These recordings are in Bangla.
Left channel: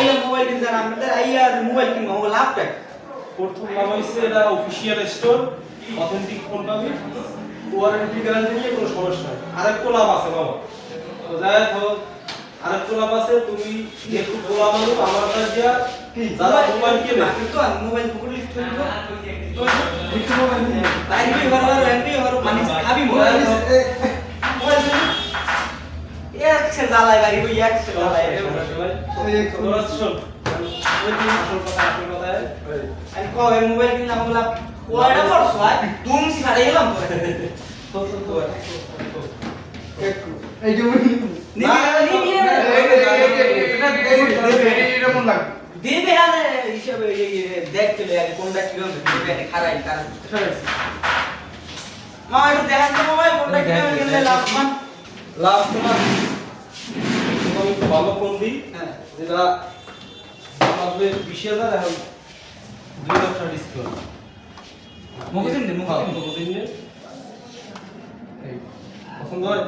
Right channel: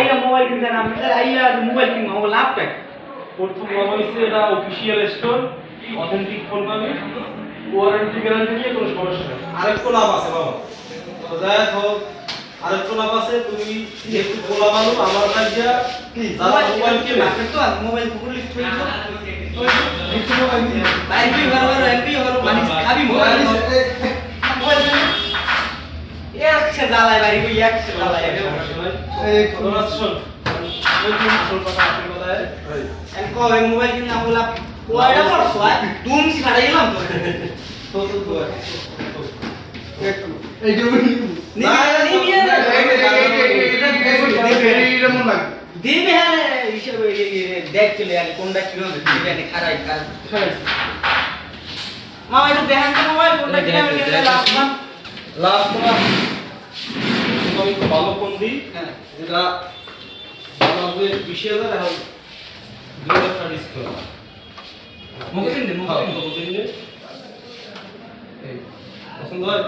আইয়া মোবাইল কিনতে না আমাদের আইয়া মোবাইল কিনবো আমার লাভ প্যাক প্রথম নাম হচ্ছে এটা অফিসিয়াল স্টোর অথেন্টিক ফোন পাবি ওয়ারেন্টি গ্যারান্টি নিয়ে কোনো সমস্যা নেই আরেকটা লাভ আছে বাবা তো যাই হোক আরেকটা লাভ আছে তুমি একটু বলা মানুষ আমার কাছে কি যারা মোবাইল কিনে তো মোবাইল গুগল লিস্ট হয়ে গেল তো একটু মোবাইল এমপি বারবার এমপি বারবার মানে খাবি মোবাইল মোবাইল একশো জ্বালায় বাড়ি ওই একশো জ্বালায় এই তোরা শোন ওই তুমি আসল কথা আমি কবে মোবাইল কিনা বললাম ওয়াইডা করছো আর তুম ছাড়াই গেলাম তো একটু এই যে দিবে হ্যাঁ হিসাবে দেখ চলে আগে কোনটা কি হবে এটা খারাই কাজ মামা একটু দেখেন তো মোবাইল কোনটা কিনে নিলে লাভ মান লাভ তোমার আমি তো ভালো ফোন দিই হ্যাঁ যেটা আমাদের 20000 এখন 2000 টাকা ডিসকাউন্ট মুখে দিন এই পছন্দ হয়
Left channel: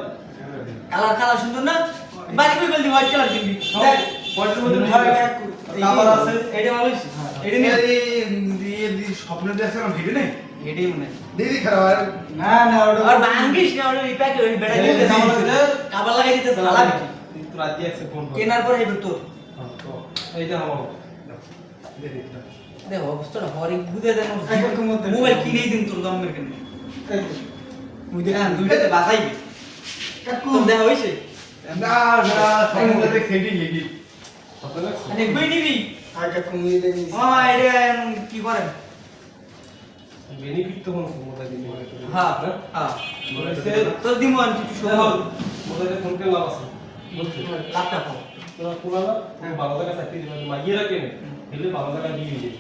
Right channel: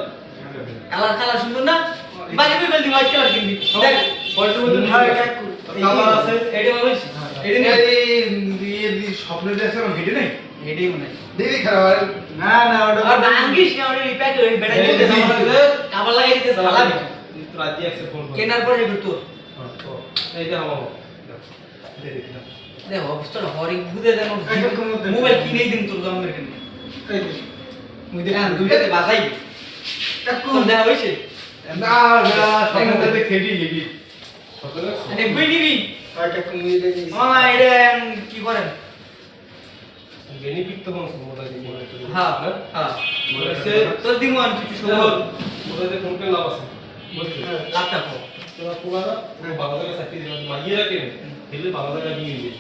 কালার কালার সুন্দর না বাড়ি কই বলদি হোয়াইট কালার কিনবি দেখ হোয়াইটের মধ্যে কালার আছে এইটা বলছি এইটা নিয়ে স্বপ্ন দেখছে আমার ভিডিও নেই এইটাই মনে হয় দেখি খারাপ না না ওটা আর ভাঙ্গিস না ওটা রিপ্যাক ওই বেটা দিতে কাবার লাগাই দিতে ফালাবি কিন্তু রাতে আছে ফোন কেনার পরে এবার তোর তো এই যে আমার দেখ অবস্থাটা হরি গুদে দেন মোবাইল কিনেই দিন তোর দাম মেরে কেন মুই দেখ দুইটাতে বাজাইবি কোন দেখা হইছে না না স্বপ্নটাতে খেলি গেছি দেখবি নিবি আর কাকু নিয়ে দেখি এটা কি করেন বেনিফিট তো কোন মোবাইল দিয়ে হ্যাঁ হ্যাঁ বলেছে তোর দিমু আমি কিছু শুনে মোবাইল দিয়ে ফোন কে লাভ আছে বলছে লাভটা কো তোরা পুরানা বাবা দাদা সাথে দিবা মাইয়ে রাখে হেলে বাবা দাদা দিয়ে দিবে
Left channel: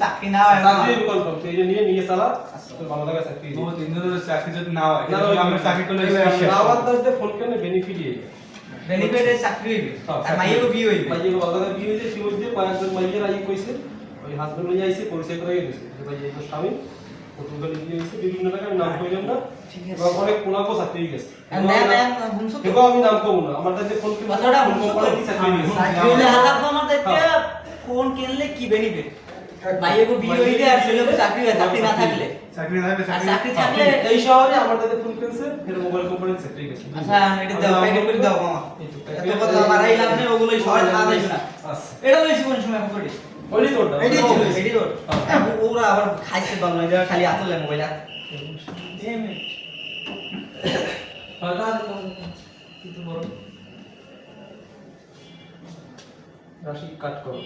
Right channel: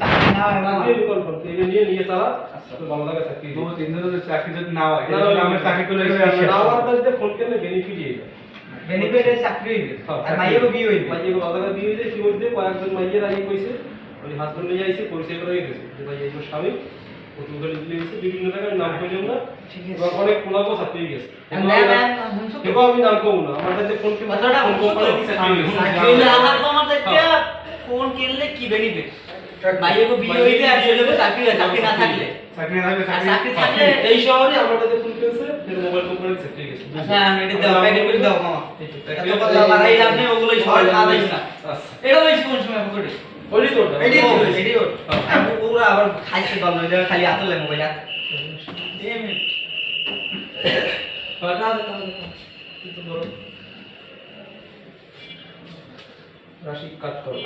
চাকরি দোকান করতে এই নিয়ে নিয়ে চালা তো বাবা দাদা চাকরি দিবে বহুত দিনের চাকরি যদি না হয় আমরা চাকরি করে আমার কাছে ফোন কেন বেনিফিট এই বেনিফিটে চাকরি হইবে আর মাইয়েরও বিয়ে হইবে মাইয়ে বাবা দাদা বিয়ে হইছে সেই মধ্যে কয়েকজন মাইয়ের আই কইছে ওই হাজবেন্ড নিয়ে আইছে পরিচয় করে গেছে যে ভাই এই স্বামী পর্তুগাল দিয়ে গেছে বিভিন্ন টাকার নাম কইলাম না ঠিক আছে এবার অনেক কোনাকো চাকরি গেছে না না হুনছো তো এবার আমি নাম কব না আমার কাছে ফোন কে কথাটা ফোন কোম্পানি চাকরি চাকরি হইলে আলাদা তো আমার দেখতে ফোন কিনলে কি বেনিফিট মাইয়েরও বিয়ে হইবে আর ছেলেও চাকরি না থাকলে চাকরি না থাকলে আর চাকরি থাকলে এই শহরে আমার কাছে ফোন কেনছে এর মোবাইল কোম্পানি চাকরি গেছে আচ্ছা এটা দাও প্যাকেট করে দাও মামা এত কথা বাড়াই লাভ নেই ওগুলোই সবাই খাওয়া যায় না আচ্ছা এটা লইছি কোন সময় পকেটে ওই তোরটা এটাই তো এটাই ওর ওরা আবার খাইছে বল না খালি আতলে মোবাইল আর ফাটা কিন্তু বড় রাশি কাট করো